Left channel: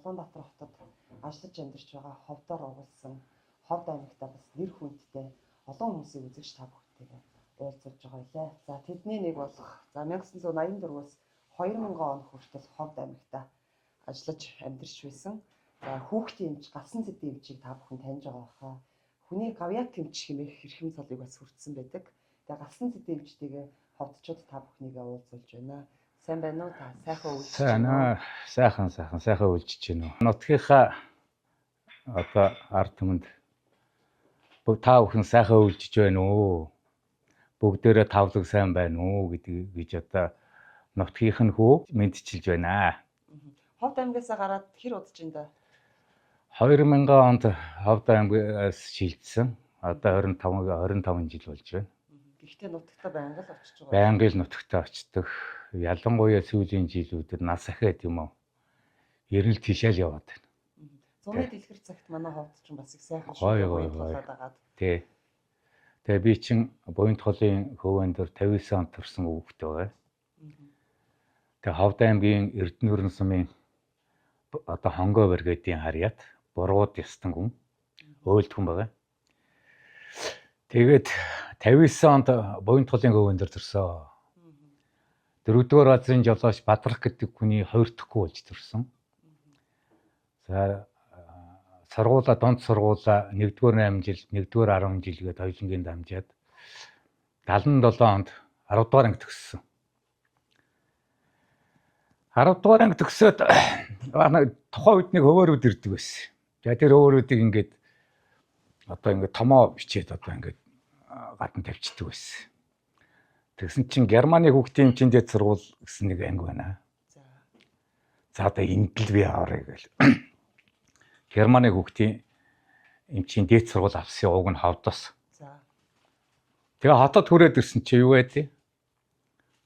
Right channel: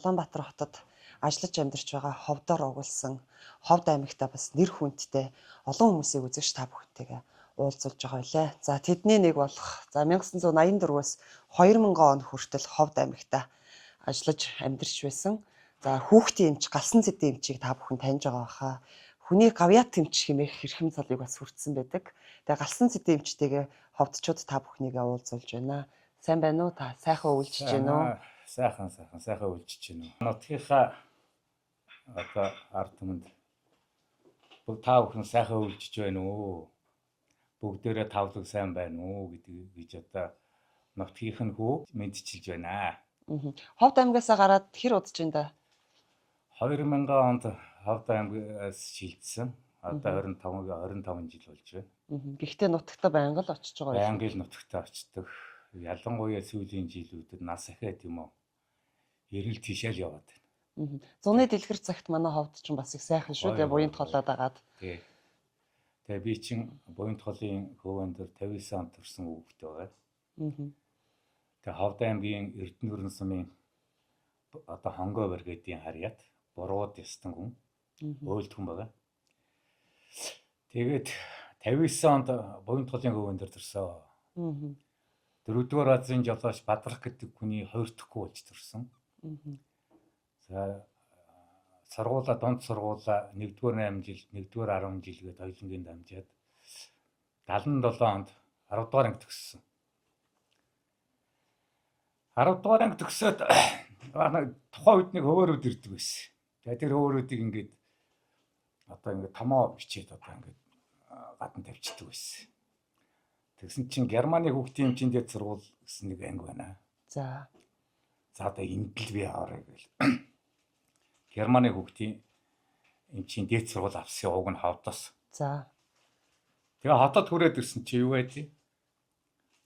Улаанбаатар хотод ажиллаж амьдарч байгаа ховдоор угуулсан Ховд аймагта бас нэр хүндтэй олон хүмүүсийг үзэгч та бүхэнтэйгээ уулзуулж байгаа байлаа. За тэдний нэг болох 1984-өөс 2000 он хүртэл Ховд аймагта ажиллаж амьдарч байсан. За хүүхдийн эмч, галсан цэдийн эмчийг та бүхэн таньж байгаа хаа. Хүний гавьяат эмч хэмээх хэрхэм цалыг бас хүртсэн байдаг. Тэгээ галсан цэдийн эмчтэйгээ ховдчууд та бүхнийгээ уулзуулж байна. Сайн байна уу та? Сайхан үйлчж байна уу? Сайхан үйлчж байна уу? Нутгийнхаа одоо ард түмэнд та бүхэн сайхан үйлчж байна уу? Бүгдээрээ тавлаг сайн байна уу гэж одоо нутгийнх нь хүү мэдчилж байна. Ховд аймгаасаа гараад хэр удаж байна да? 2000 онд Ховд аймгаас шилжсэн. Одоо 25 жил болж байна. Гэхдээ нутагтаа байнга л очиж байгаа. Байнга л нутагтаа очдог. Ялангуяа сүүлийн жилүүдэд нас ахаад юм уу? Ерөнхийдөө тийшээ л яваад байна. Зуны дэлгэр цагт манай ховд ч бас их сайхан шүү дээ. Буянт холоод агаад. Тий. Тэгээ би чин буянт холын хөвөн дээр 59 онд төрсэн хүүхдээ байгаа. Тэгээ Ховд аймгийн Эрдэнэрэн сумын одоо хонгой бригадын харьяат бурууд ястан хүн өөлдгөн байгаа. Тэгээд 59 онд буянт холын хөвөн дээр төрсөн. 4-р азрын жолооч Бадрах гэдэг хүний 2 дахь болж төрсөн. За донд сургуулаа 1-р 8 жил, 1-р 10 жил гээд хоёулангийн дамжаад 77 онд 10-р анги төгссөн. 10-р анги төгсөөд тухайн үед нэг хөвөөрүүд ирдэг байсан. За тэр хөвөөрүүдийг ингээд одоо ингээд томоо бичээд одоо ингээд гадна тавьчихдаг байсан. Тэгсэн чинь Германы хүүхдийн эмчинд сургууль гэсэн нэг анги байна. За одоо энд л би аварыг гэл. Германы хүүхдийн эмчийн дээд сургууль авсан уг нь Ховдоос. За. Тэгээ хотод хүрээд ирсэн чи юу байдیں۔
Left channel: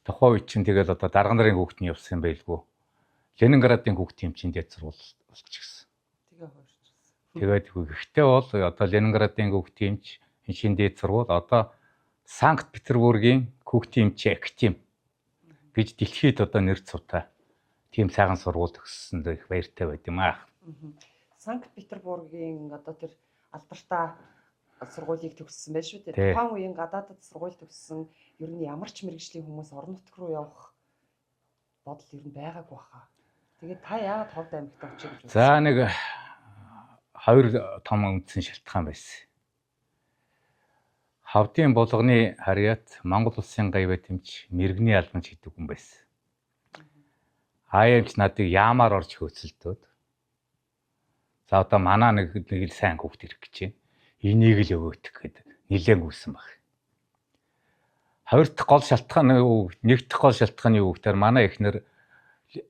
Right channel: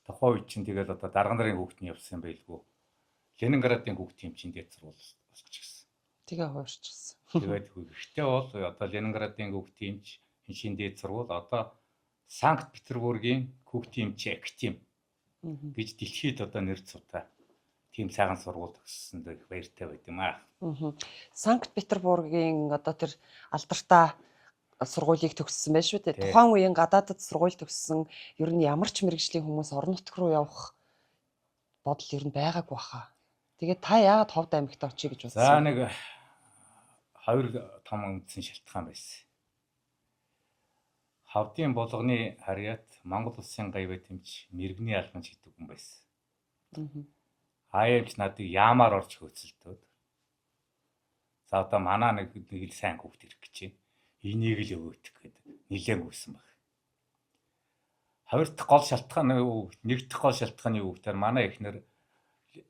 Тухайн үед чинь тэгэл одоо дарга нарын хүүхдийн явсан байлгүй. Ленинградын хүүхдийн эмчийн дээд сургууль болчихсон. Тэгээ хуурчихсан. Тэгээд гэхдээ бол одоо Ленинградын хүүхдийн эмчийн дээд сургууль одоо Санкт-Петербургийн хүүхдийн эмчийн академи гэж дэлхийд одоо нэр цуутай тийм сайхан сургууль төгссөнд их баяртай байд юм аа. Санкт-Петербургийн одоо тэр алдартай сургуулийг төгссөн байж шүү дээ. Тухайн үеийн гадаадд сургууль төгссөн ер нь ямар ч мэргэжлийн хүмүүс орон нутг руу явах бодол ер нь байгаагүй баха. Тэгээд та яагаад Ховд аймагт очие гэж бодсон? За нэг 2 том үндсэн шалтгаан байсан. Ховдын булганы харьяат Монгол улсын гавьяат эмч мэргэний албанч гэдэг хүн байсан. Аямч надыг яамаар орж хөөцөлдөөд. За одоо манаа нэг л сайн хүүхд ирэх гэж байна. Энийг л өвөөтөх гэдэг нилээн гүйсэн баг. 2 дахь гол шалтгаан юу? 1 дахь гол шалтгаан юу гэхээр манай эхнэр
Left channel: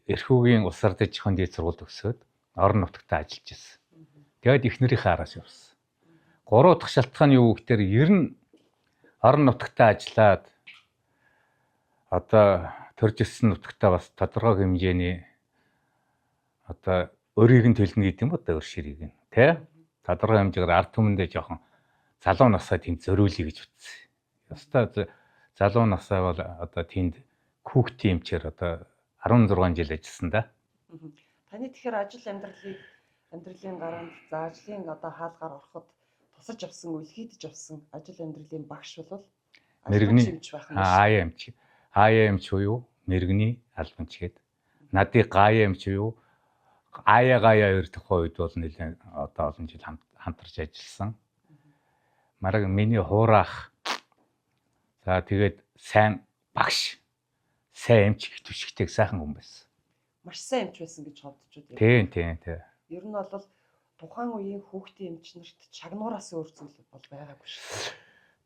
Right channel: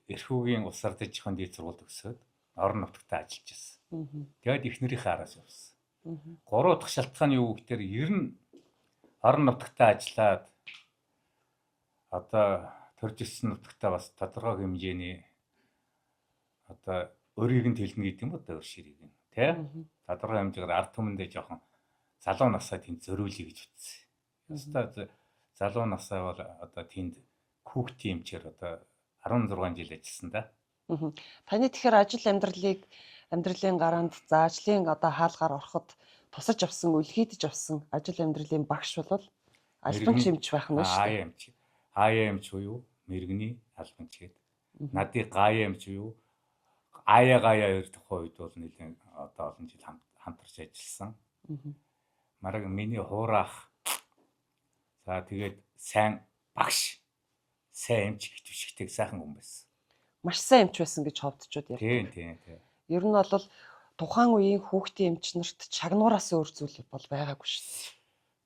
Эрхүүгийн улс ардын чихэн дээд сургууль төгсөөд орон нутагтаа ажиллаж байсан. Тэгээд эхнэрийнхээ араас явсан. 3 дахь шалтгаан юу гэхээр ер нь орон нутагтаа ажиллаад одоо төрж ирсэн нутагтаа бас тодорхой хэмжээний одоо өрийг нь төлнө гэдэг юм одоо өр ширийг нь тий тодорхой хэмжээгээр ард түмэндээ жоохон залуу насаа тэнд зөриүүлье гэж утсан. Ястаа залуу насаа бол одоо тэнд хүүхдийн эмчээр одоо 16 жил ажилласан да. Таны тэгэхээр ажил амьдралын гаранд за ажлын одоо хаалгаар ороход тусаж авсан, үлхийдэж авсан ажил амьдралын багш бол албанч эмч байх нь шүү. Аяа эмч юу? Мэргэний албанч гээд. Надыг гаяа эмч юу? Гаяа хоёр тухайн үед бол нэлээд одоо олон жил хамтарч ажилласан. Мараг миний хуурах. За тэгээд сайн багш, сайн эмч гэх түшигтэй сайхан хүн байсан. Маш сайн эмч байсан гэж ховдчууд яа. Тийм. Ер нь бол тухайн үеийн хүүхдийн эмч нарт чагнуураас өөр зүйл бол байгаагүй шүү.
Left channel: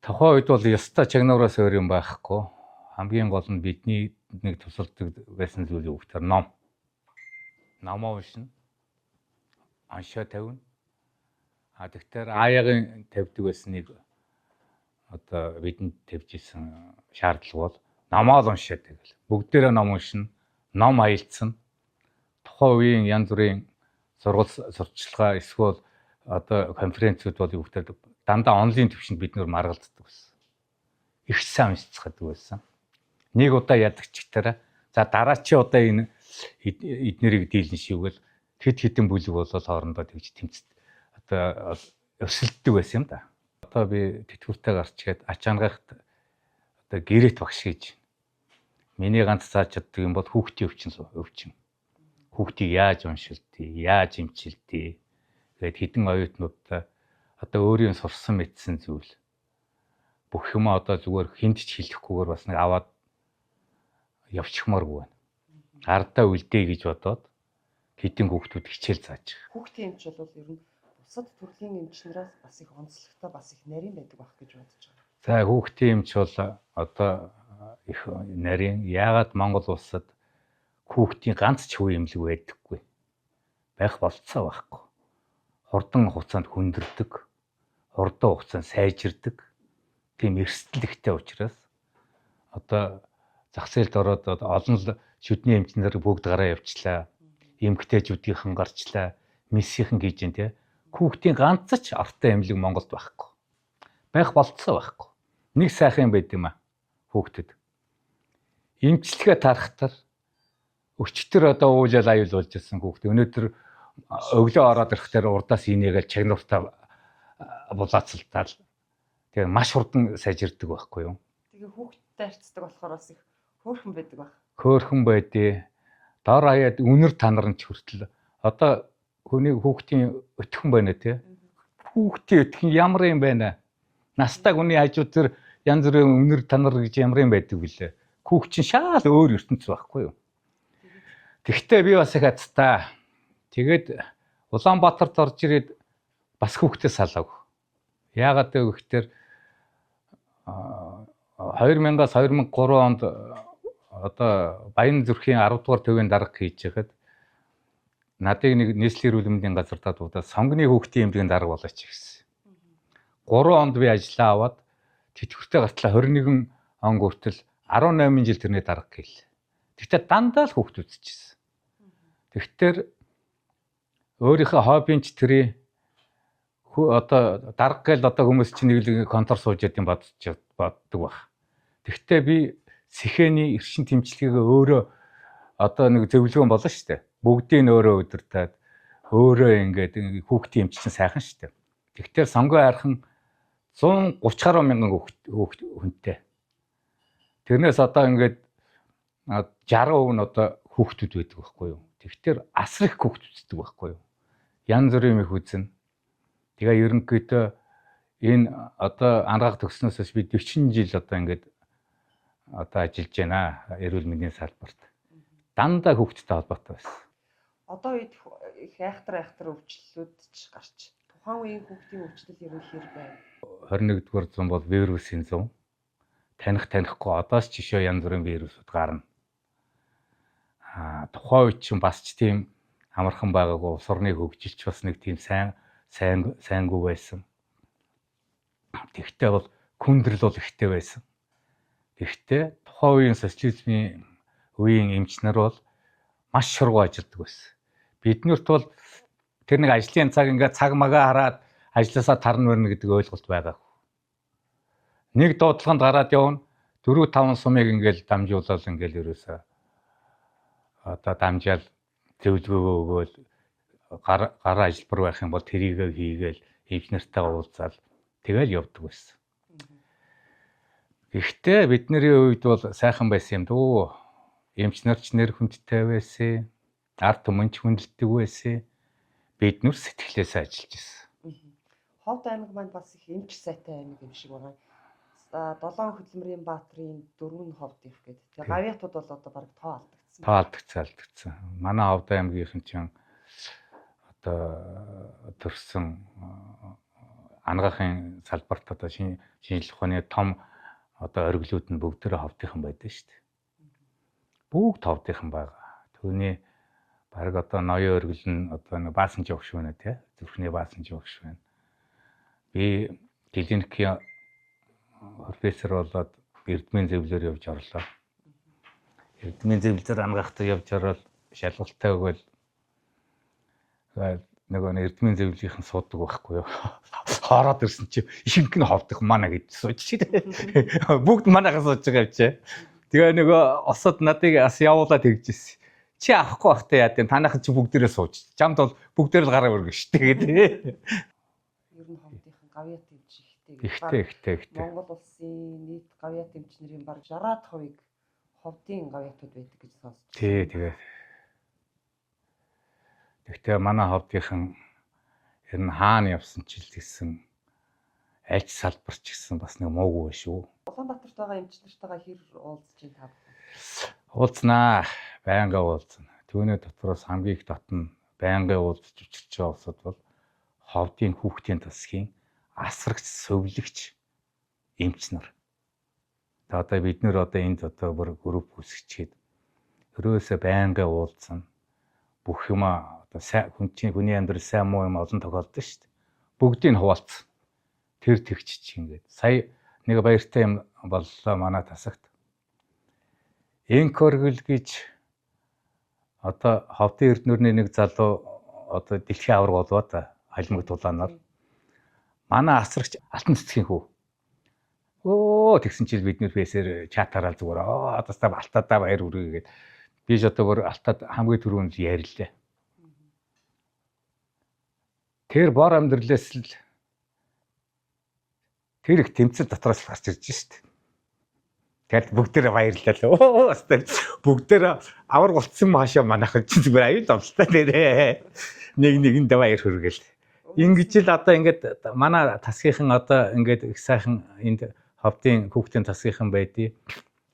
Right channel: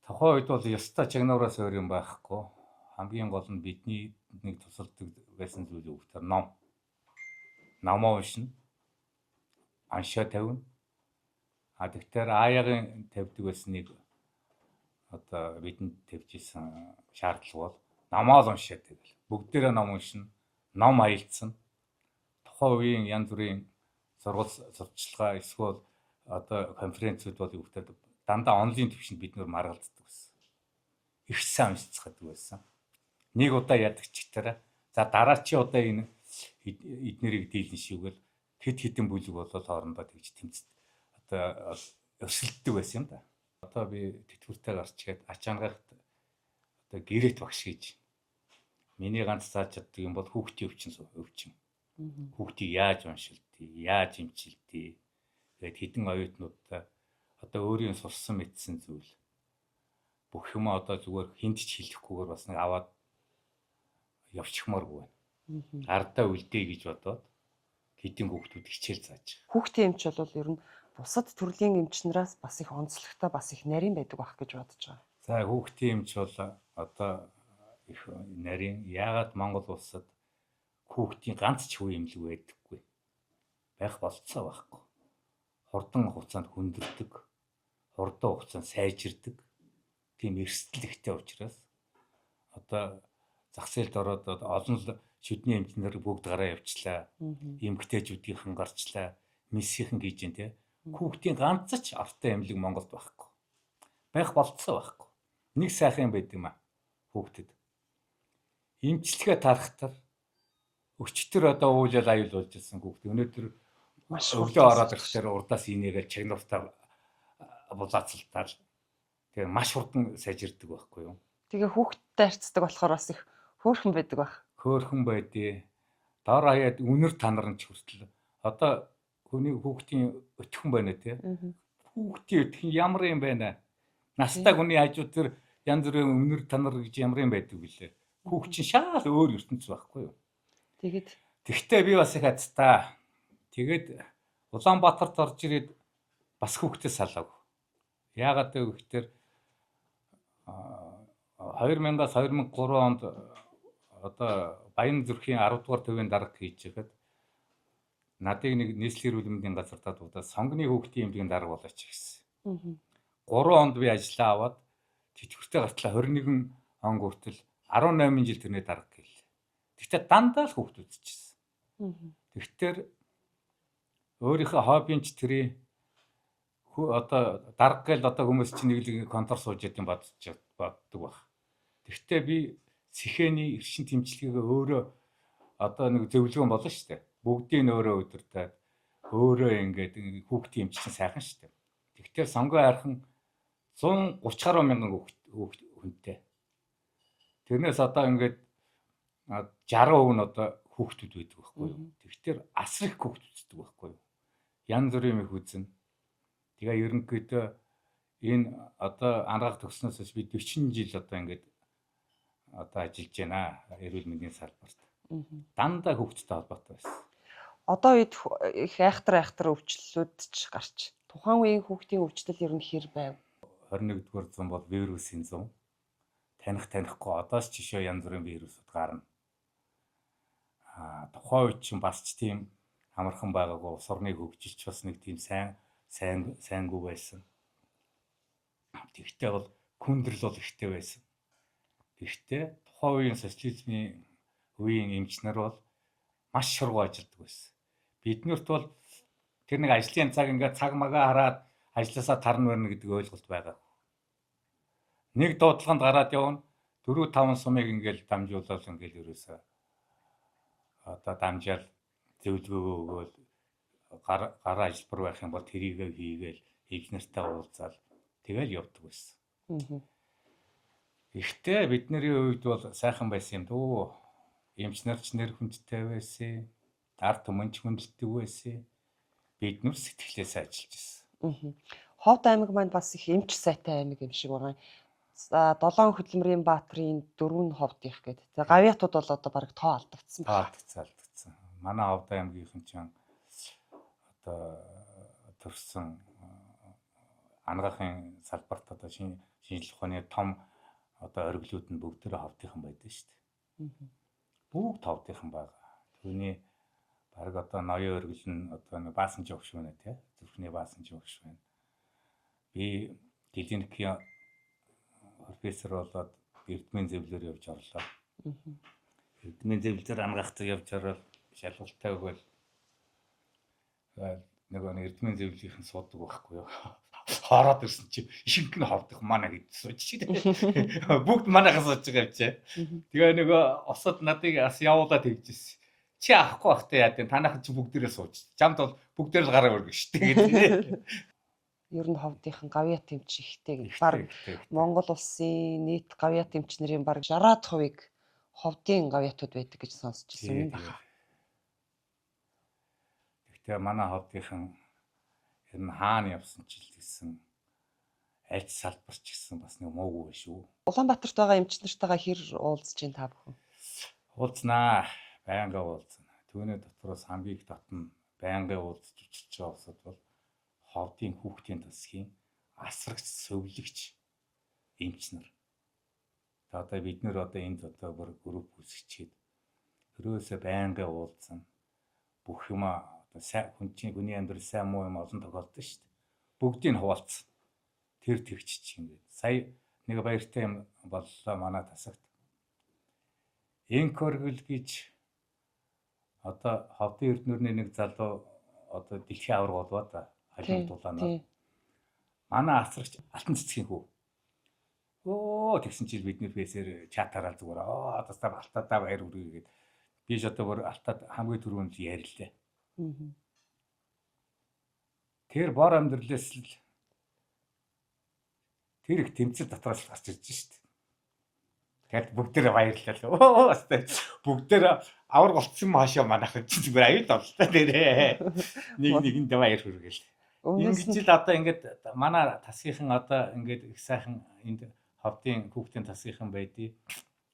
Тухайн үед бол ёстой чагнуураас өөр юм байхгүй. Хамгийн гол нь бидний нэг тусалдаг байсан зүйл юу гэхээр ном. Номоо уншина. Аншаа тавина. Тэгэхээр аяагийн тавьдаг байсан нэг одоо бидэнд тавьж исэн шаардлага бол номоо л уншаад тэгэл. Бүгдээрээ ном уншина. Ном аялцсан. Тухайн үеийн янз бүрийн сурчлагаа эсвэл одоо конференцүүд бол юу гэхээр дандаа онлайн төвшөнд бид нөр маргалддаг байсан. Их сайн уншицдаг байсан. Нэг удаа ядагч гитараа за дараа чи одоо энэ эднэрийг дийлэн шивгэл хэд хэдэн бүлэг болол хоорондоо тэгж тэмцэд одоо өрсөлддөг байсан юм да. Одоо би тэтгэвртэй гарч игээд ачаангахт одоо гэрээт багш гэж. Миний ганц зааж чаддаг юм бол хүүхдийн өвчин. Хүүхдийг яаж уншилдгийг, яаж эмчилдгийг гээд хідэн оюутнуудаа одоо өөрийн сурсан мэдсэн зүйл бүх юм одоо зүгээр хүнд ч хэлэхгүйгээр бас нэг аваад явчихмааргүй байна. Ардаа үлдээ гэж бодоод хідэн хүүхдүүд хичээл зааж. Хүүхдийн эмч бол ер нь бусад төрлийн эмчнээс бас их онцлогтой, бас их нарийн байдаг байх гэж бодож байгаа. За хүүхдийн эмч бол одоо их нарийн яагаад Монгол улсад хүүхдийн ганц ч хөв эмнэлэг байдаггүй. Байх болцоо байхгүй. Хурдан хугацаанд хүндэрдэг, хурдан хугацаанд сайжирдаг. Тийм эрсдэл ихтэй учраас одоо зах зээлд ороод олон л шүдний эмчнэр бүгд гараа явчлаа. Эмгтээчүүдийнхэн гарчлаа. Мессийнхэн гэж юм те. Хүүхдийн ганц ч артай эмнэлэг Монголд байхгүй. Байх болцоо байхгүй. Нэг сайхан юм байд юм а хүүхдэд. Эмчилгээ тарахтар өчтөр одоо уулал аюул болж ирсэн хүүхд. Өнөөдөр өглөө ороод ирэхээр урдаас инээгээл чагнууртаа булаацалтаал. Тэгээ маш хурдан сайжирдаг байхгүй юу? Тэгээ хүүхдтэй харьцдаг болохоор бас их хөөрхөн байдаг байх. Хөөрхөн байдээ. Дор хаяад үнэр танарч хүртэл одоо хүний хүүхдийн өтгөн байна тий. Хүүхдийн өтгөн ямар юм байна? Настай хүний хажууд тэр янз бүрийн үнэр танар гэж ямар юм байдаг вүлээ. Хүүхд чинь шал өөр ертөнц байхгүй юу? Тэгтээ би бас их хацтай. Тэгээд Улаанбаатарт орж ирээд бас хүүхдээ салаагүй. Яагаад гэвэл 2000-аас 2003 онд одоо Баян зүрхийн 10 дугаар төвийн дарга хийж байхад надыг нэг нийслэлийн эрүүл мэндийн газар дуудаад сонгоны хүүхдийн эмнэлгийн дарга болооч гэсэн. 3 онд би ажиллаа аваад тэтгэвртэй гартлаа 21 он хүртэл 18 жил тэрний дарга гээл. Тэгтээ дандаа л хүүхд үзчихсэн. Тэгтэр өөрийнхөө хоббинч тэрий одоо дарга гээл одоо хүмүүс чинь нэг контор сууж яд юм боддог баг. Тэгтээ би сэхэний эршин тэмцлэгээ өөрөө одоо нэг зөвлөгөө болно шүү дээ. Бүгдийг нь өөрөө удирдаад өөрөө ингээд хүүхдийн эмч чинь сайхан шүү дээ. Тэгтээ сонгоо хайрхан 130 гаруй мянган хүүхд хүнтэй. Тэрнээс одоо ингээд 60% нь одоо хүүхдүүд байдаг байхгүй юу. Тэгтээ асар их хүүхд үздэг байхгүй юу. Янз бүрийн их үзэн. Тэгээ ерөнхийдөө энэ одоо ангаах төгснөөс би 40 жил одоо ингээд одоо ажиллаж байна эрүүл мэндийн салбарт. Дандаа хүүхдтэй холбоотой байсан. Одоо үед их айхтар өвчлөлүүд ч гарч. Тухайн үеийн хүүхдийн өвчлөл ер нь хэр байв? 21-р зуун бол вирусын зуун. Танихгүй одоос ч жишээ янз бүрийн вирусууд гарна. Тухайн үед чинь бас ч тийм амархан байгаагүй улс орны хөгжилч бас нэг тийм сайнгүй байсан. Тэгтээ бол хүндрэл бол ихтэй байсан. Тэгтээ тухайн үеийн социализмын үеийн эмч нар бол маш шургуу ажилладаг байсан. Биднэрт бол тэр нэг ажлын цаг ингээд цаг магаа хараад ажилласаа тарна мөрнө гэдэг ойлголт байгаагүй. Нэг дуудлаганд гараад явна 4-5 сумыг ингээд дамжуулаад ингээд ерөөсөө одоо дамжаал зөвлөгөө өгөөл гараа ажилбар байх юм бол тэрийг хийгээл эмч нартайгаа уулзаал тэгэл явдаг байсан. Гэхдээ бидний үед бол сайхан байсан юм дөө. Эмч нарч нэр хүндтэй байсан. Ард түмэн ч хүндэлдэг байсан. Бид нүр сэтгэлээсээ ажиллаж ирсэн. Ховд аймаг маань бас их эмч сайтай аймаг юм шиг байгаа. 7 хөдөлмөрийн баатрын 4 ховд их гэдэг. Тэгээ гавьяатууд бол одоо баг тоо алдагдсан. Алдагдсан. Манай Ховд аймгийнхэн чинь одоо төрсэн ангаахын салбарт одоо шинжлэх ухааны том одоо оргилууд нь бүгдээрээ ховдынхан байдаг шүү дээ. Бүгд ховдынхан байгаа. Түүний баг одоо ноён оргил нь одоо нэг баасан жогш байна тий. Зүрхний баасан жогш байна. Би клиникийн профессор болоод эрдмийн зөвлөөр явж орлоо. Эрдмийн зөвлөөр ангаахтаа явж ороод шалгалтаа өгөөл нөгөө эрдмийн зөвлөлийн суудаг байхгүй юу. Хараад ирсэн чи ихэнх нь ховдох манай гэж сууж шээ. Бүгд манайхаас сууж байгаа юм чи. Тэгээ нөгөө осод надыг бас явуулаад тэгжсэн. чи авахгүй бах те яа гэв танайхан чи бүгдээрээ сууж. Чамд бол бүгдээр л гараа өргөн штэ гэдэг. Ер нь ховдынхан гавьяа тэмч ихтэй гэж. Ихтэй. Монгол улсын нийт гавьяа тэмчнэрийн бараг 60% ховдын гавьяатууд байдаг гэж сонсч Тий, байсан. Гэхдээ манай ховдынхан ер нь хаана явсан ч илгэсэн альч салбарч гэсэн бас нэг муугүй шүү. Улаанбаатарт байгаа эмч нартайгаа хэр уулзж ин та бүхэн? Уулзнаа, байнга уулзна. Түүний дотроос хамгийн их татна байнга уулзж учирч байгаа улсууд бол ховдын хүүхдийн засгийн асрагч, сувлагч эмч нар. Одоо бид нэр одоо энд одоо бүр групп үүсгэчихэд өрөөсөө байнга уулзна. Бүх юм одоо хүний амьдрал сайн муу юм олон тохиолдсон шүү дээ. Бүгдийг хуваалцсан. Тэр тэгчиж ингээд. Сая нэг баяртай юм боллоо манай тасагт. Энкоргл гэж одоо ховдын эрдэнэрний нэг залуу одоо дэлхийн авраг болоо та халимаг тулаанаар. Манай асрагч алтан цэцгийн хүү. Тэгсэн чил бид нэр фэсээр чатаараа зүгээр одоо та алтадаа баяр хүргэе гээд би ч одоо бүр алтад хамгийн түрүүнд яриллаа. Тэр бор амьдралээс л тэр их тэмцэл дотроос гарч ирж шít. Тэгэл бүгдээрээ баярлалаа. Бүгдээрээ авар болцсон маашаа манайхан чи зүгээр аюул болтой нэрээ. Нэгэндээ баяр хүргээл. Ингэж л одоо ингээд манай тасгийнхан одоо ингээд их сайхан энд ховдын хүүхдийн тасгийнхан байдیں۔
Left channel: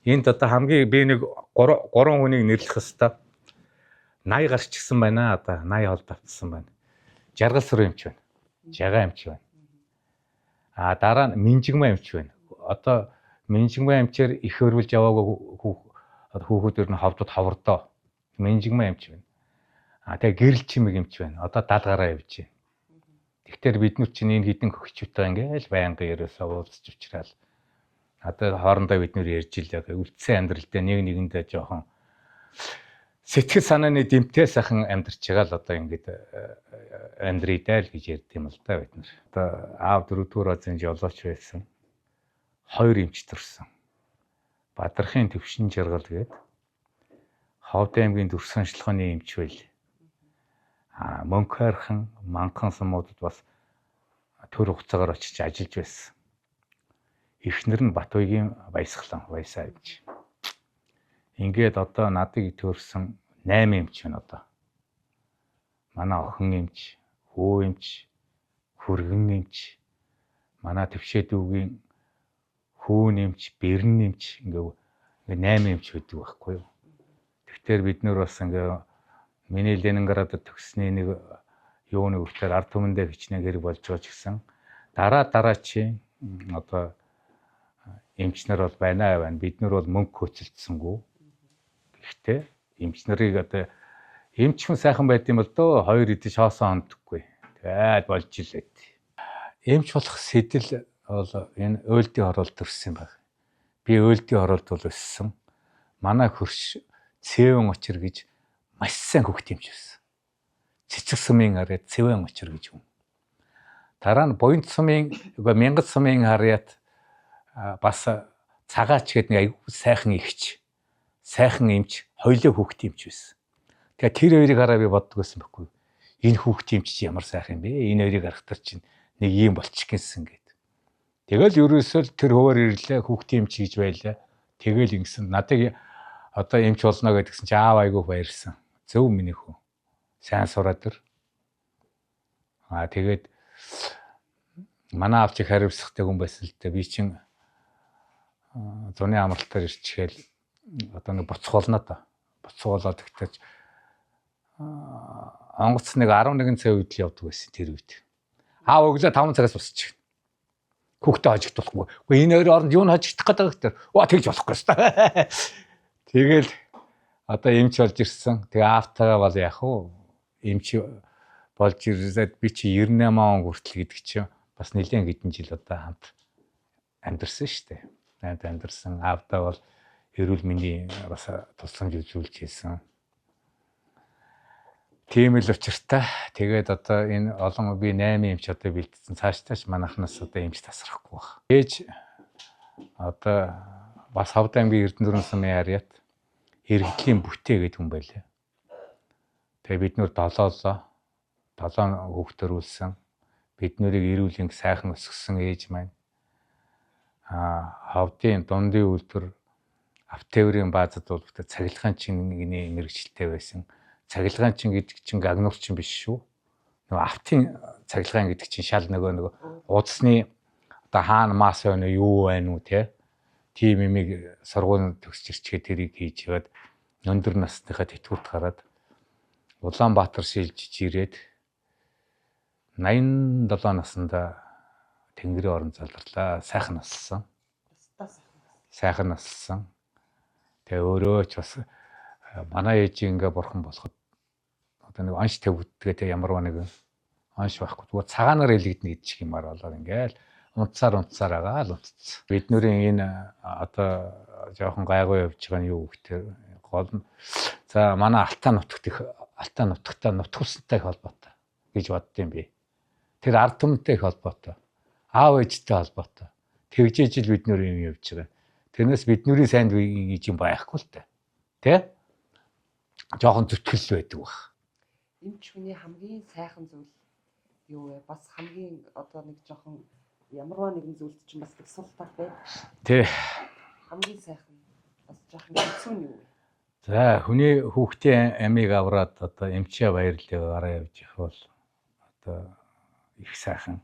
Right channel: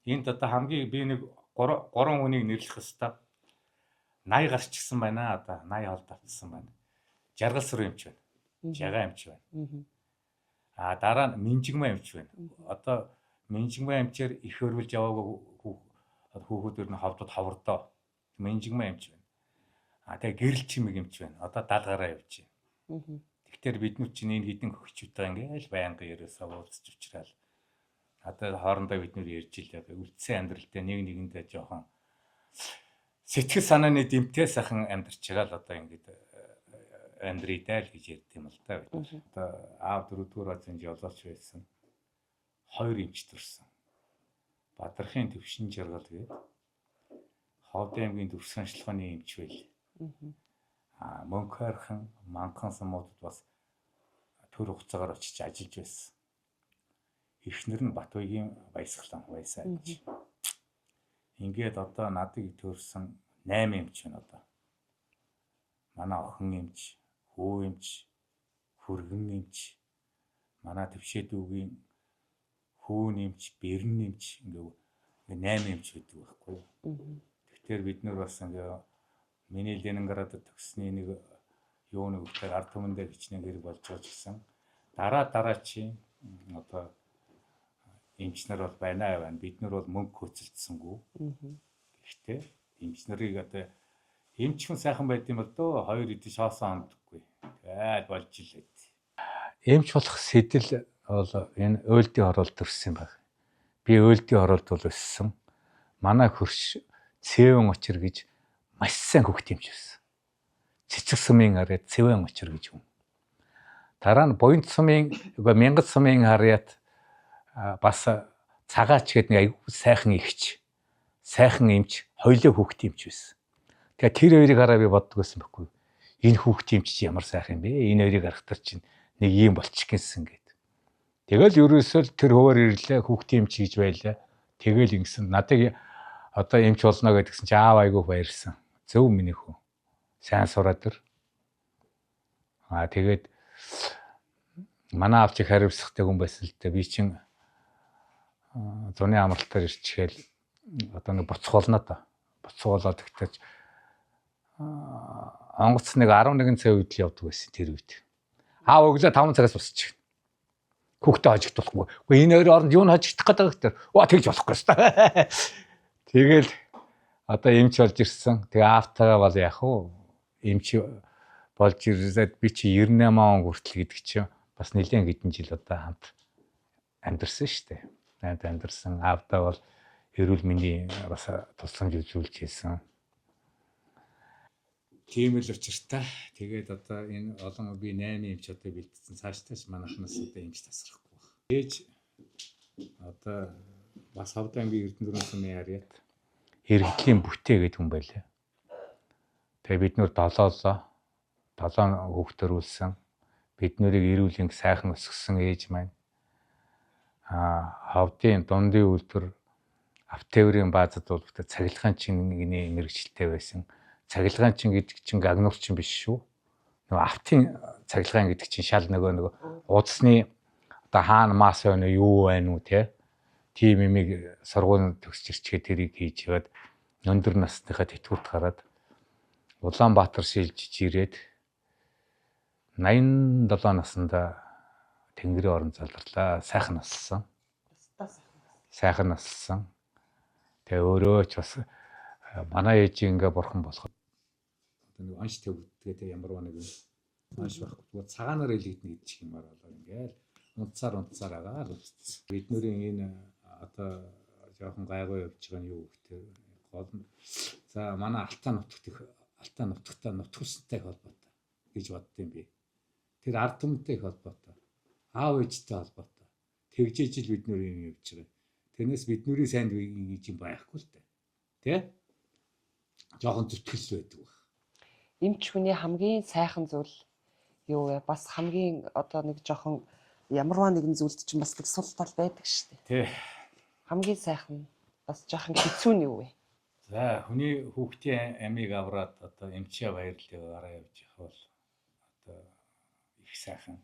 Энд одоо хамгийн би нэг 3 хүнийг нэрлэх хэвээр 80 гарчихсан байна одоо 80 хол давтсан байна. Жаргал сүрэн эмч байна. Жагаа эмч байна. Дараа нь Минжигмаа эмч байна. Одоо Минжигмаа эмчээр их хөрвүүлж яваагүй хүүхдүүд нь ховдод ховордоо. Минжигмаа эмч байна. Тэгээ гэрэл чимэг эмч байна. Одоо 70 гараа явж байна. Тэгэхээр бид нар чинь энэ хідэн хөгчүүтэй ингээл байнга ерөөсөө уулзч уучраал. Одоо хоорондоо бид нар ярьж ил яг үлдсэн амьдралдаа нэг нэгэндээ жоохон сэтгэл санааны дэмтэй сайхан амьдарч байгаа л одоо ингээд амьдрийдаа л гэж ярьд юм л да бид. Одоо аав 4-р азийн жолооч байсан. 2 эмч төрсөн. Бадрахын төвшин жаргал гээд Ховд аймгийн Дүрсэн ажиллагааны эмч байл. Мөнхойрхон манхан сумуудад бас төр хугацаагаар очиж ажиллаж байсан. Эхнэр нь Батбаягийн Баясгалан Баясаа гэж. Ингээд одоо надыг төрсэн 8 эмч байна одоо. Манай охин эмч, хөө эмч, хүргэн эмч, манай төвшөөдүүгийн хүүн эмч, бэрн эмч ингээд 8 эмч байдаг байхгүй юу. Тэгэхээр бид нөр бас ингээд миний Ленинградад төгссний нэг юуны өвчтөр ард түмэндээ хичнээн хэрэг болж байгаа ч гэсэн дараа чи одоо эмч нар бол байна. Бид нар бол мөнгө хөөцөлдсөнгүй. Гэхдээ эмч нарыг одоо эмч хүн сайхан байд юм бол дөө 2 идэж хоосон ондоггүй. Тэгээд болж илээ. Эмч болох сэтэл бол энэ өөлдийн хороолт төрсөн баг. Би өөлдийн хороолт бол өссөн. Манай хөрш Цэвэн очир гэж маш сайн хөхт эмч байсан. Цэцэг сумын хараад Цэвэн очир гэж юм. Дараа нь Буянт сумын Мянгат сумын хараад бас цагаач гэдэг нэг аягүй сайхан ихч, сайхан эмч, хоёлоо хүүхд эмч байсан. Тэгээ тэр хоёрыг хараа би боддог байсан байхгүй. Энэ хүүхд эмч чи ямар сайхан юм бэ? Энэ хоёрыг харахтар чинь нэг юм болчих гэсэн гээд. Тэгэл ерөөсөө тэр хөвөр ирлээ хүүхд эмч гэж байлаа. Тэгэл ингэсэн надыг одоо эмч болно гэдгсэн чи аав айгүй баярсан. Зөв миний хүү. Сайн сураад ир. Тэгээд манай аав чи хариуцлагатай хүн байсан л дээ. Би чин зуны амралтаар ирчихэл одоо нэг боцгоолно та. Боцгоолоод тэгтэж онгоц нэг 11 цаг үед л явдаг байсан тэр үед. Аав өглөө 5 цагаас босчих. Хүүхдээ хожигдуулахгүй. Гэхдээ энэ хоёр оронд юу н хожигдох гэдэг гэхээр тэгж болохгүй шүү. Тэгэл одоо эмч болж ирсэн. Тэгээ аавтайгаа бол яах вэ? Эмч болж ирээд би чи 98 он хүртэл гэдэг чинь бас нэлээд хэдэн жил одоо хамт амьдэрсэн шүү дээ. Амьдэрсэн аавтай бол эрүүл мэндийн бас тусламж үзүүлж хийсэн. Тийм л учиртай. Тэгээд одоо энэ олон би 8 эмч одоо бэлдсэн. Цаашдаач манайхнаас одоо эмч тасрахгүй баг. Ээж одоо бас Ховд аймгийн Эрдэнэт сумын харьяат Иргэдлийн бүтээ гэдэг хүн байлаа. Тэгээ бид нөр 7 хүүхэд төрүүлсэн. Бид нурыг эрүүл энг сайхан өсгсөн ээж маань. Ховдын дундын үйлдвэр автоврын баазад бол бүтэ цахилгаан чингний мэрэгчлээ байсан. Цахилгаан чин гэдэг чинь агнуурчин биш шүү. Нөгөө автын цахилгаан гэдэг чинь шал нөгөө удасны одоо хаана мас байна уу юу байна уу тийм имийг сургууль төгсч ирчгээ тэрийг хийж яваад өндөр насныхаа тэтгэврт гараад Улаанбаатар шилжиж ирээд 87 наснда Тэнгэрийн орон залгарлаа. Сайхан нассан. Сайхан нассан. Тэгээ өөрөө ч бас манай ээж ингээ бурхан болоход одоо нэг анш тавьдгээ ямар нэг анш байхгүй. Зүгээр цагаанаар илэгдэнэ гэдэг юмар болоод ингээл унтсаар байгаа л унтц. Бид нүрийн энэ одоо жоохон гайгүй явж байгаа нь юу гэхээр гол нь за манай Алтаа нутагтай нутгуусантай холбоотой гэж боддсон би. Тэр ард түмэнтэй холбоотой. Аав ээжтэй холбоотой. Тэгжээж л бид нөр юм явж байгаа. Тэрнээс бидний сайнд гэж юм байхгүй л та. Тэ? Жохон зүтгэл байдаг баг. Эмч хүний хамгийн сайхан зүйл юу вэ? Бас хамгийн одоо нэг жохон ямарваа нэгэн зүйлд чинь бас нэг сул тал байдаг шүү Тэ. дээ. Хамгийн сайхан бас жохон хэцүү нь юу вэ? За хүний хүүхдийн амийг авраад одоо эмчээ баярлалаа явж их бол одоо их сайхан.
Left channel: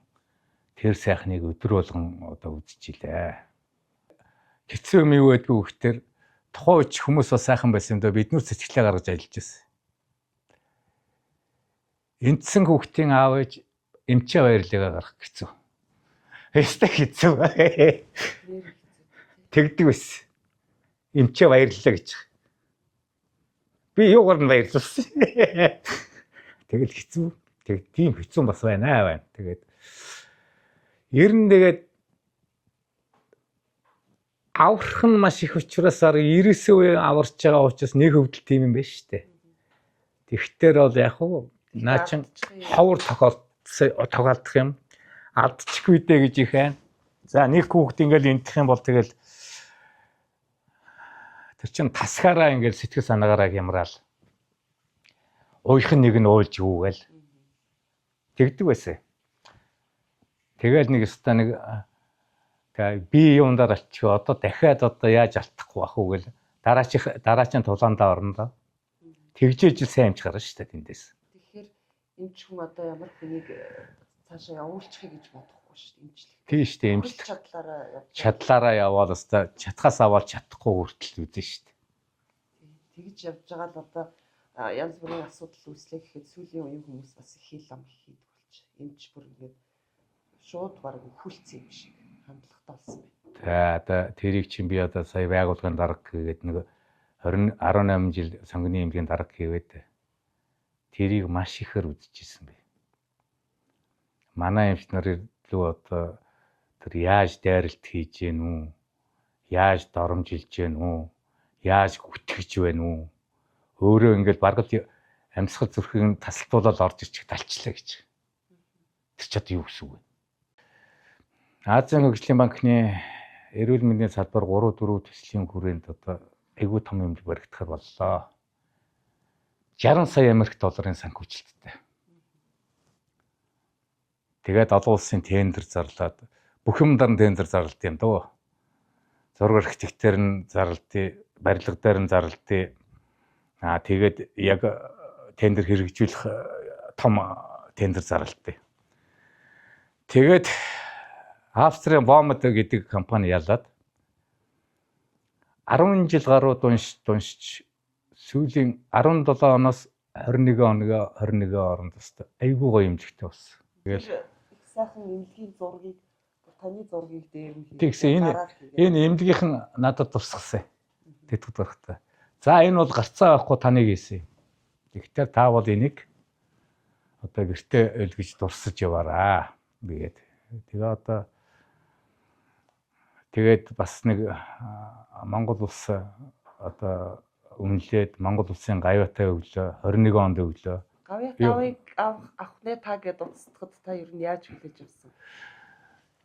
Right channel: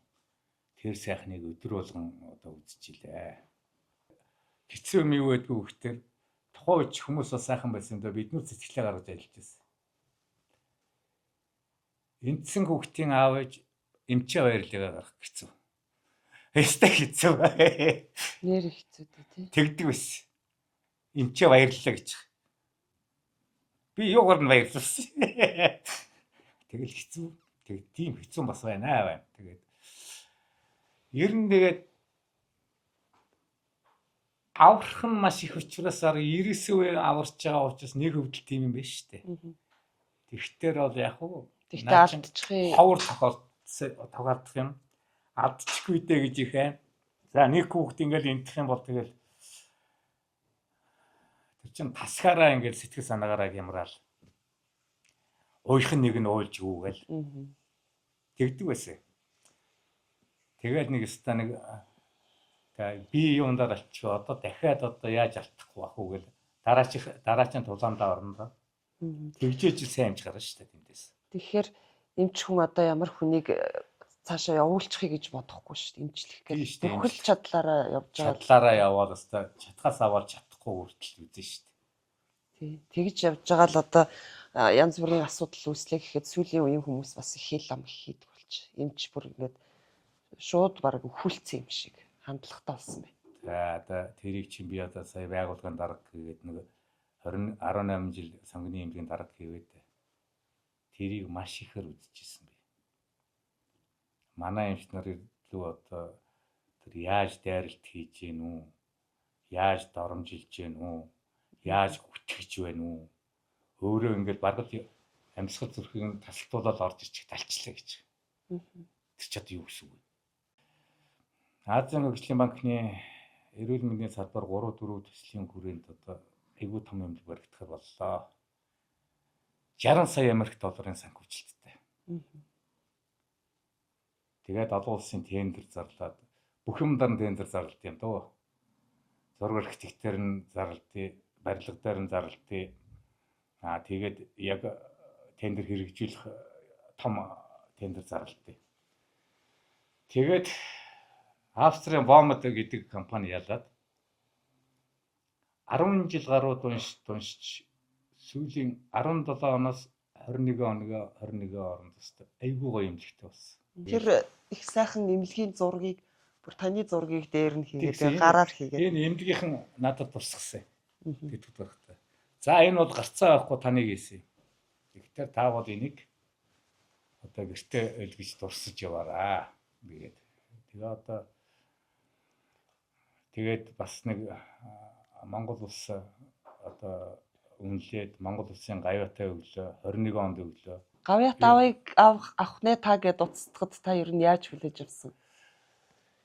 Тэр сайхныг өдөр болгон одоо үзчихилээ. Хэцүү юм юу байдгүй гэхээр тухайн үед хүмүүс бас сайхан байсан юм да бид нүр сэтгэлээ гаргаж ажиллаж байсан. Эндсэн хүүхдийн аав ээж эмчээ баярлалаа гаргах хэцүү. Эстэй хэцүү. Нэр хэцүү дээ. Тэгдэг байсан. Эмчээ баярлалаа гэж. Би юугаар нь баярлуулсан. Тэгэл хэцүү. Тийм хэцүү бас байна. Тэгээд ер нь тэгээд аврах нь маш их учраас 90 үе аварч байгаа учраас нэг хөвдөл тийм юм байна шүү дээ. Тэгтэр бол яг уу наачин ховор тохиолдох юм. Алдчихгүй дээ гэж их байна. За нэг хүүхд ингээл энтэх юм бол тэгэл тэр чин тасгаараа ингээл сэтгэл санаагаараа хямраал. Уйхан нэг нь уйлж юу гээл. Тэгдэг байсан. Тэгэл нэг өстө нэг би юундаар алчих вэ? Одоо дахиад одоо яаж алдахгүй бах уу гэл дараагийн тулаандаа орно доо. Тэгжээж сайн амж гарна шүү дээ тэндээс. Тэгэхээр эмч хүн одоо ямар хүнийг цаашаа явуулчихъя гэж бодохгүй шүү дээ эмчлэх. Тийм шүү дээ. Эмчлэх чадлаараа явж байгаа. Чадлаараа явбал өстө чатхаас аваад чадахгүй хүртэл үзэн шүү дээ. Тий. Тэгж явж байгаа л одоо янз бүрийн асуудал үүслэх гэхэд сүүлийн үеийн хүмүүс бас их хэл ам хийдэг болж. Эмч бүр ингээд шууд баг өхүүлсэн юм шиг хандлагатай болсон байна. За одоо тэрийг чинь би одоо сая байгууллагын дарга гэдэг нэг 18 жил сонгоны эмнэлгийн дарга хийгээд тэрийг маш ихээр үзчихсэн бэ. Манай эмч нарын лөө одоо тэр яаж дайралт хийж гэн үү? Яаж доромжилж гэн үү? Яаж хүтгэж байна уу? Өөрөө ингээд баргал амьсгал зүрхийг тасалтуулаад орж ирчих талчлаа гэж. Тэр ч одоо юу гэсэн үг вэ? Азийн хөгжлийн банкны эрүүл мэндийн салбар 3-4 төслийн хүрээнд одоо айгүй том юм баригдахаар боллоо. 60 сая Америк долларын санхүүжилттэй. Тэгээд олон улсын тендер зарлаад бүх юмдар нь тендер зарлалт юм дөө. Зураг архитектор нь зарлалтыг, барилга дээр нь зарлалтыг тэгээд яг тендер хэрэгжүүлэх том тендер зарлалтыг. Тэгээд Австрийн Вомд гэдэг компани ялаад 10 жил гаруй дуншиж сүүлийн 17 оноос 21 оронд өстө айгүй гоё эмнэлэгтэй болсон. Тэр их сайхан эмнэлгийн зургийг бүр таны зургийг дээр нь хийгээд гараар хийгээд. Энэ эмнэлгийнхэн надад тусгасан. Тэтгэвд барахтаа. За энэ бол гарцаа авахгүй таныг хийсэн. Тэгтээ та бол энийг одоо гэртээ өлгөж дурсаж яваараа бигээд. Тэгээд бас нэг Монгол улс одоо үнэлээд Монгол улсын гавьяатай өглөө 21 онд өглөө. Гавьяатавыг авах нэ та гэд уцтахад та ер нь яаж хүлээж авсан?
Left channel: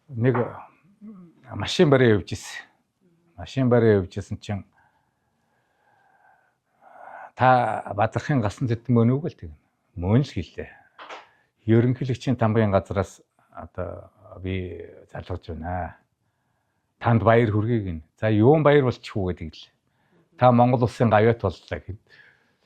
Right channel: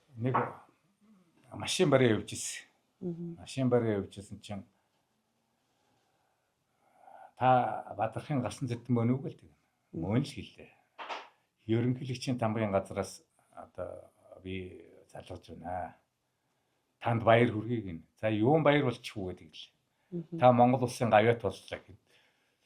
Нэг машин бариа явж ирсэн. Машин бариа явж ирсэн чинь та Бадрахын галсан зэт мөн үг л тийм. Мөн л хэлээ. Ерөнхийлөгчийн тамгын газраас одоо би залгаж байна. Танд баяр хүргэе гин. За юун баяр болчих уу гэдэг л. Та Монгол улсын гавьяат боллоо гэд.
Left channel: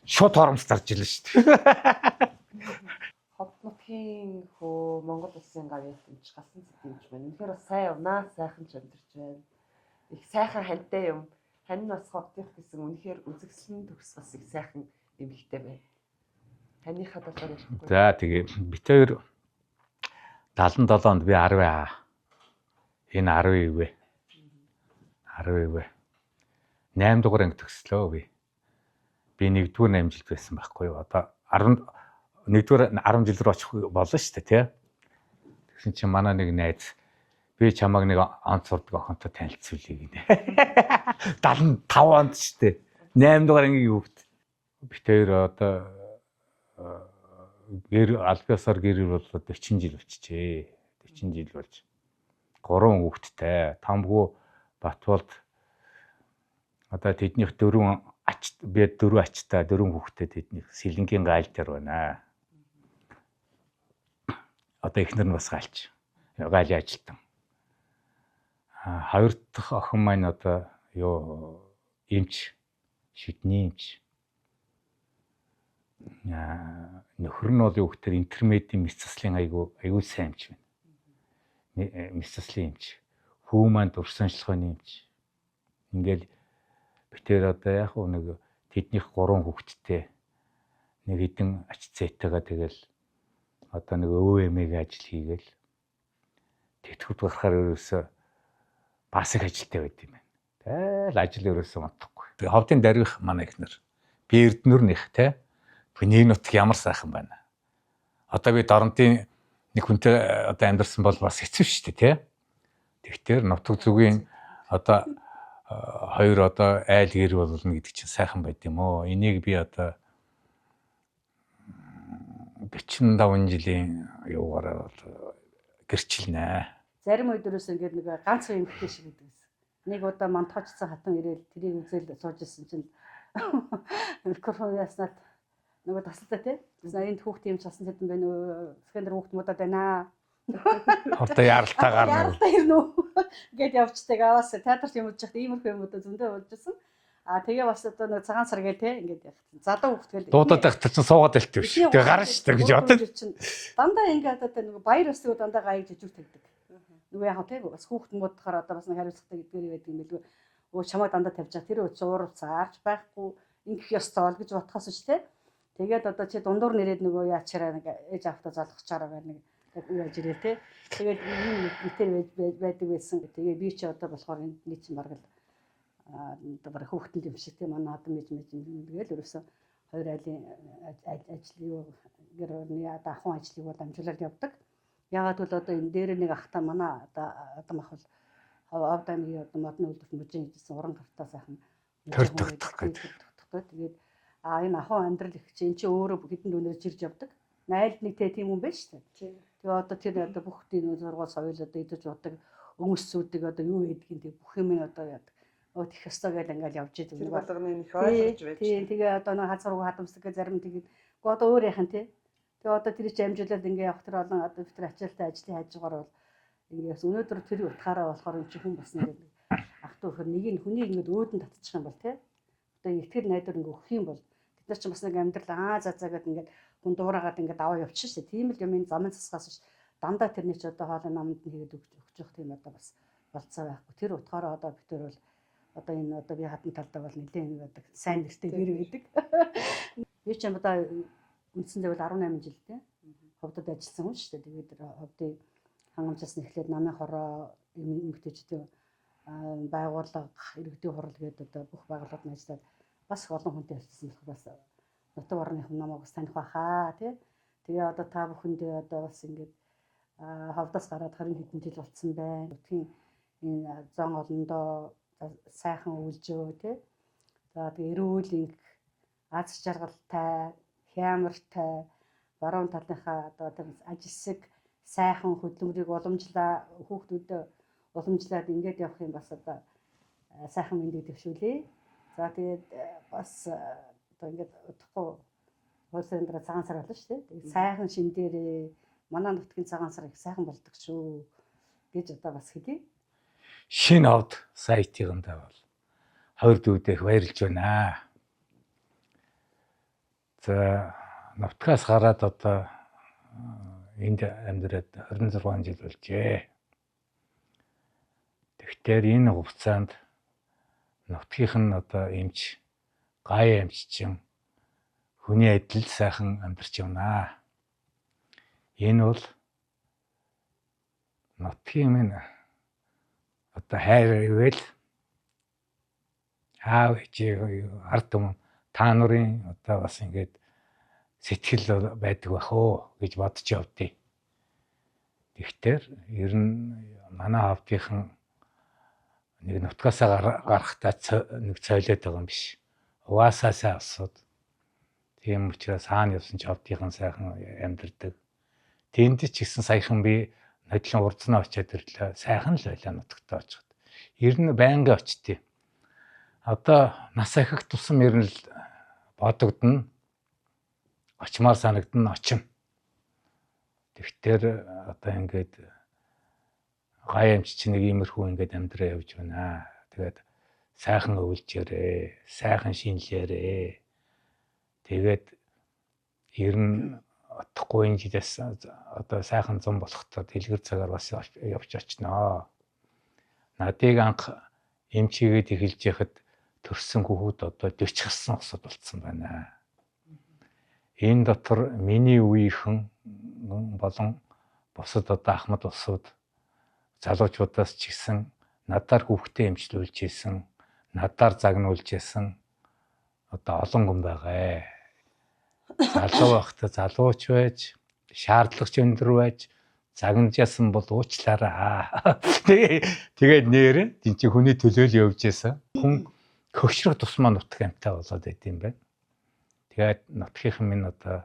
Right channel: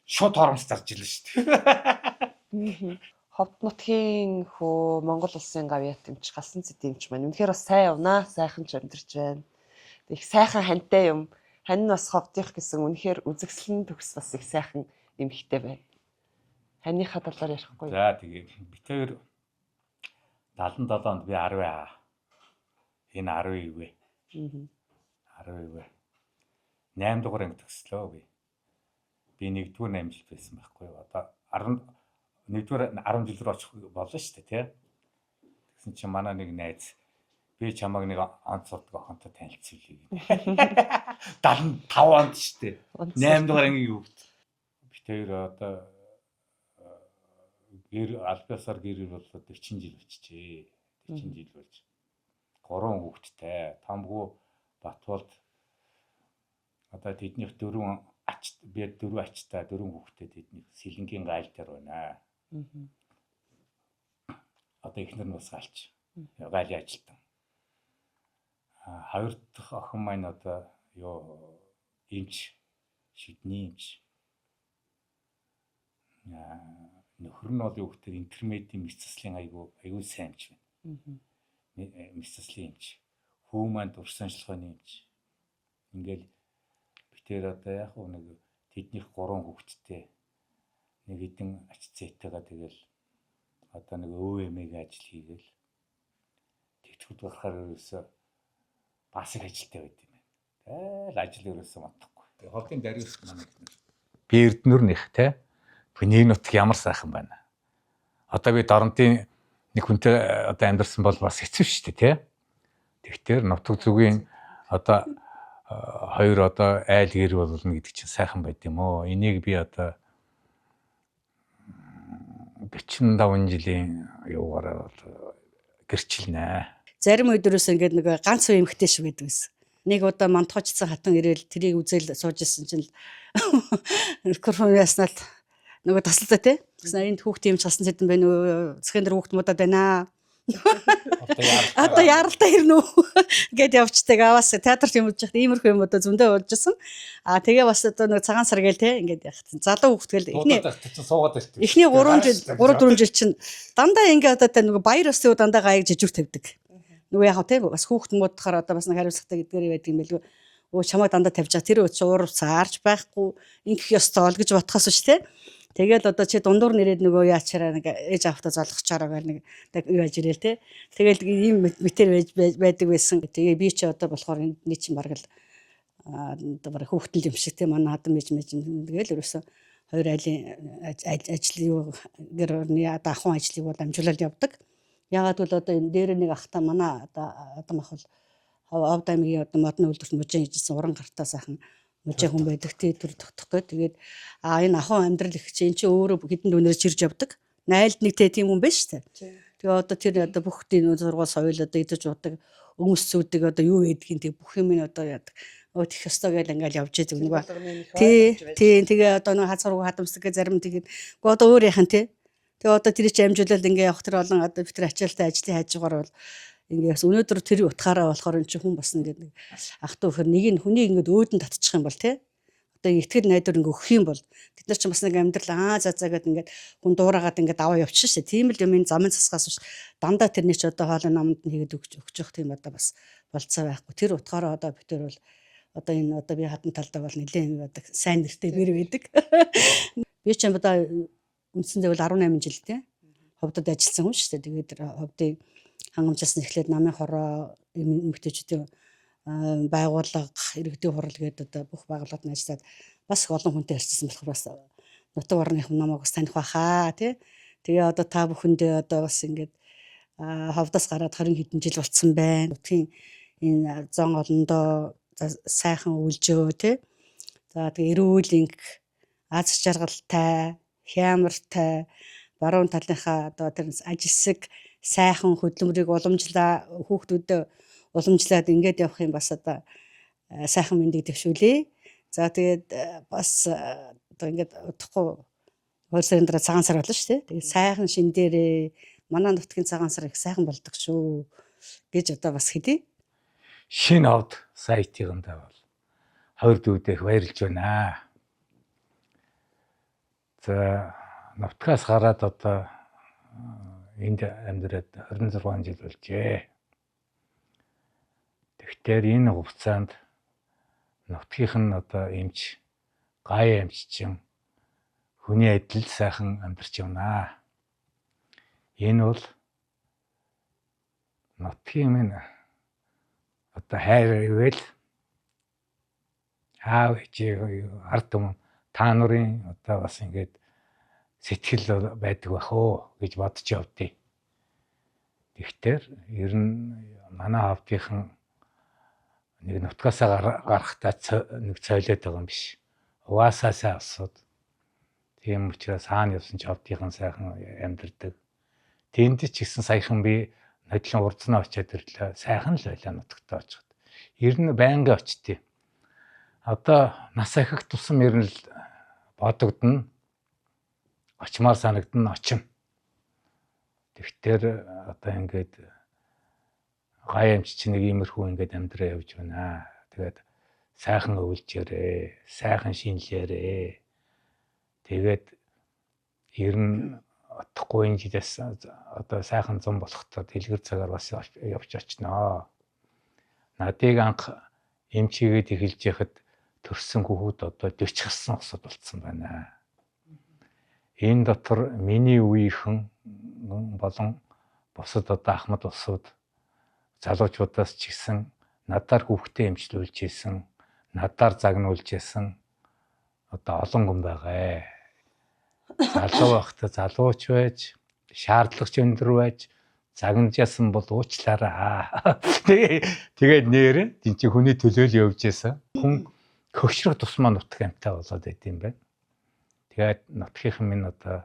Шууд хоромс зарж илэн шүү дээ. Ховд нутгийн хөө Монгол улсын гавьяат юмч галсан зэт юмч маань үнэхээр бас сайн унаа, сайхан ч амьдарч байна. Их сайхан хантай юм. Хань нь бас ховдих гэсэн үнэхээр үзэгсэлэн төгс бас их сайхан эмхтэй байна. Ханыхаа талаар ярихгүй. За тэгээ бит хоёр 77 онд би 10 аа. Энэ 10 вэ. 10 вэ. 8 дугаар анги төгслөө би. Би 1-р 8 жилд байсан байхгүй юу. Одоо 1-р 10 жил рүү очих болно шүү дээ, тий. Тэгсэн чинь манай нэг найз би чамайг нэг онц сурдаг охинтой танилцуулъя гинэ. 75 онд шүү дээ. 8 дугаар анги юу гэв. Бит хоёр одоо албаасаар гэр бол 40 жил болчихжээ. 40 жил болж. 3 хүүхэдтэй. Тамгу Батболд одоо тэднийх 4 ач би 4 ачтай 4 хүүхэдтэй тэднийх Сэлэнгийн гайл дээр байна. Одоо эхнэр нь бас гайлч. Гайлын ажилтан. Хоёр дахь охин маань одоо юу эмч шидний эмч. Нөхөр нь бол юу гэхээр интермедийн мэс заслын айгүй сайн эмч байна. Мэс заслын эмч. Хүү маань дурсанчлахын эмч. Ингээл битээр одоо яг нэг тэднийх 3 хүүхэдтэй нэг хэдэн ач зээтэйгээ тэгэл одоо нэг өвөмэг ажил хийгээл тэтгэвд гарахаар ерөөсөө бас их ажилтай байд юм байна. Тэгэл ажил ерөөсөө модохгүй. Тэгээ ховдын дарих манай ихнэр би Эрдэнэр нэх те нэг нутг ямар сайхан байна. Одоо би Доронтын нэг хүнтэй одоо амьдарсан бол бас хэцүү шүү дээ те. Тэгтэр нутг зүгийн одоо хоёр одоо айл гэр болно гэдэг чинь сайхан байд юм оо. Энийг би одоо 45 жилийн юугаараа гэрчилнэ. Зарим өдрөөс ингээд нэг ганц үе эмхтэй шиг байдаг гэсэн. Нэг удаа монтгоочсон хатан ирээл тэрийг үзэл сууж исэн чинь микрофон яснаад нөгөө тасалдаа те. Тэгсэн энд хүүхд юм чалсан зэдэн байна уу? Зөвхөн тэр хүүхд муудаад байна. Одоо яаралтай. Одоо яаралтай ирнэ үү гэд явцдаг. Аваас театрт юм үзэж байхад иймэрхүү юм одоо зөндөө болжсэн. Тэгээ бас одоо нэг цагаан сар гээл те ингээд яах. Залуу хүүхд гээл. Дуудаад байхад чинь суугаад байлтай биш. Эхний 3 жил чинь дандаа ингээд одоо нөгөө баяр өсөө дандаа гаяг жижиг тавьдаг. Нөгөө яах вэ те бас хүүхд муудахаар одоо бас нэг хариуцлагатай гэдгээр байдаг юм байлгүй. Өө чамайг дандаа тавьж байгаа. Тэр уурав цаарч байхгүй. Ингэх ёстой л гэж бодхоос ч те. Тэгэл одоо чи дундуур нэрэд нөгөө яачаараа нэг ээж авахта залгачаараа гэл нэг юу яаж ирэл те. Тэгэл ийм мэтэр байдаг байсан. Тэгээ би чи одоо болохоор энэ чинь бараг л одоо бараг хүүхдэл юм шиг те манай хадам мэж тэгэл ерөөсө хоёр айлын ажил юу гэр орны одоо ахуйн ажлыг бол амжуулаад явдаг. Яагаад бол одоо энэ дээр нэг ахта манай одоо адам ах бол Овд аймгийн одоо модны үйлдвэрт мужийн хийжсэн уран гартаа сайхан мужийн хүн байдаг тэр тогтохгүй. Тэгээд энэ ахуйн амьдрал их чинь өөрөө хэдэн дүүнээр чирж явдаг. Найлд нэг тийм хүн биш үү? Тэгээ одоо тэр одоо бүх тийм зургуул соёл одоо идэж удаг өмс зүүдэг одоо юу гэдгийг тэг бүх юм нь одоо яадаг. Тех ёстой гэл ингээл явж идэг нэг ба. Тийм тэгээ одоо нэг хазаруу хадамсдаг гэ зарим тэгээд одоо өөр яхан тий. Тэгээ одоо тэр чинь амжуулаад ингээ явах тэр олон одоо битэр ачаалтай ажлын хажуугаар бол ингээ бас өнөөдөр тэр утгаараа болохоор эн чинь хүн бас нэг ах トゥ хөр нэг нь хүний ингээ өөдөн татчих юм бол тий. Одоо итгэл найдвар ингээ өгөх юм бол бид нар чинь бас нэг амьдрал за гэд ингээ хүн дуурайгаад ингээ даваа явчихсан шүү дээ. Тийм л юм энэ замын цасгаас биш дандаа тэрний ч одоо хоолой намд нь хийгээд өгч явах тийм одоо бас болцоо байхгүй. Тэр утгаараа одоо бид нар бол одоо энэ одоо би хатан талдаа бол нэлээд одоо сайн нэртэй бэр байдаг. Би ч юм одоо үндсэндээ бол 18 жил тий. Ховдод ажилласан хүн шүү дээ. Тэгээд ховдын хангамжаас нь эхлээд намын хороо эмэгтэйчүүдийн байгууллага иргэдийн хурал гэдэг одоо бүх байгууллагад нь ажиллаад бас олон хүнтэй харьцсан болохоор бас нутаг орныхан намайг бас таних байхаа тий. Тэгээ одоо та бүхэндээ одоо бас ингээд ховдоос гараад 20 хэдэн жил болцсон байна. Нутгийн энэ зон олондоо сайхан үйлжөө тий. За тэгээ эрүүл инг аз жаргалтай, хямртай, баруун талынхаа одоо тэр ажилсаг сайхан хөдөлмөрийг уламжлаа хүүхдүүдэд уламжлаад ингээд явах юм бас одоо сайхан мэндийг дэвшүүлээ. За тэгээд бас одоо ингээд удахгүй 2 сарын дараа цагаан сар болно шүү дээ. Тэгээд сайхан шин дээрээ манай нутгийн цагаан сар их сайхан болдог шүү гэж одоо бас хэдий. Шинэ ховд сайтыгандаа бол хоёр дүүдэх баярлж байна. За нутгаас гараад одоо энд амьдраад 26 жил болжээ. Тэгэхээр энэ хугацаанд нутгийнх нь одоо эмч, гай эмч чинь хүний адил сайхан амьдарч байна. Энэ бол нутгийн минь одоо хайр ивэл аав ээжээ ард түмэн та нарын одоо бас ингээд сэтгэл байдаг бах уу гэж бодож явдیں۔ Тэгэхээр ер нь манай хавдынхан нэг нутгаасаа гарахтаа нэг цойлоод байгаа юм биш. Угаасаасаа асууд. Тийм учраас хаана явсан ч хавдынхан сайхан амьдардаг. Тэнд ч гэсэн саяхан би нодлон урдснаа очиад ирлээ. Сайхан л байлаа нутагтаа очиход. Ер нь байнга очтیں۔ Одоо нас ахих тусам ер нь л бодогдно. Очмаар санагдана очим. Тэгэхээр одоо ингээд гай амч чинь нэг иймэрхүү ингээд амьдраа явж байна. Тэгээд сайхан өвлжээрээ, сайхан шинэлээрээ. Тэгээд ер нь отохгүй энэ жилээс одоо сайхан зам болохтой дэлгэр цагаар бас явж очноо. Надыг анх эмчигээд эхэлж яхад төрсөн хүүхэд одоо 40 гарсан усуд болцсон байна. Энэ дотор миний үеийнхэн болон бусад одоо ахмад усуд залуучуудаас ч гэсэн надаар хүүхдээ эмчлүүлж исэн, надаар загнуулж исэн одоо олон хүн байгаа. Залуу байхдаа залууч байж, шаардлагач өндөр байж, загнажсэн бол уучлаарай. Тэгээд нэр тийм чи хүний төлөө л явж исэн. Хүн хөгшрөх тусмаа нутг амьтаа болоод байт юм байна. Тэгээд нутгийнхан минь одоо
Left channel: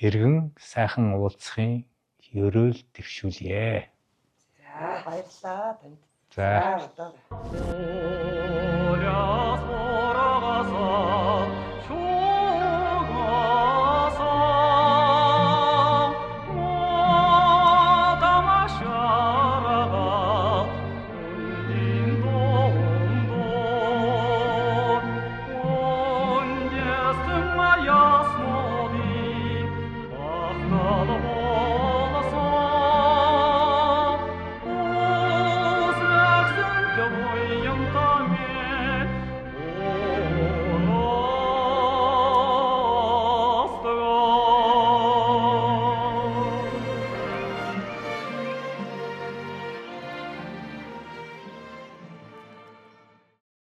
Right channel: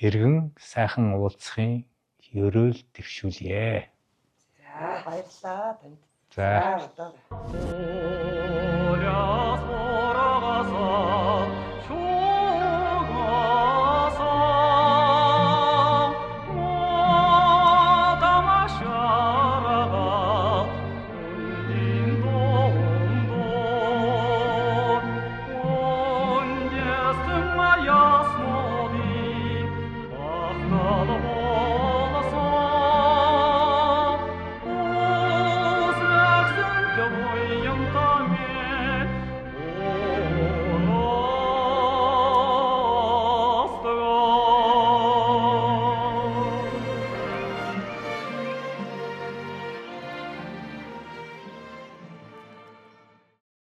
эргэн сайхан уулзахын ерөөл төвшүүлье. За баярлалаа танд. За одоо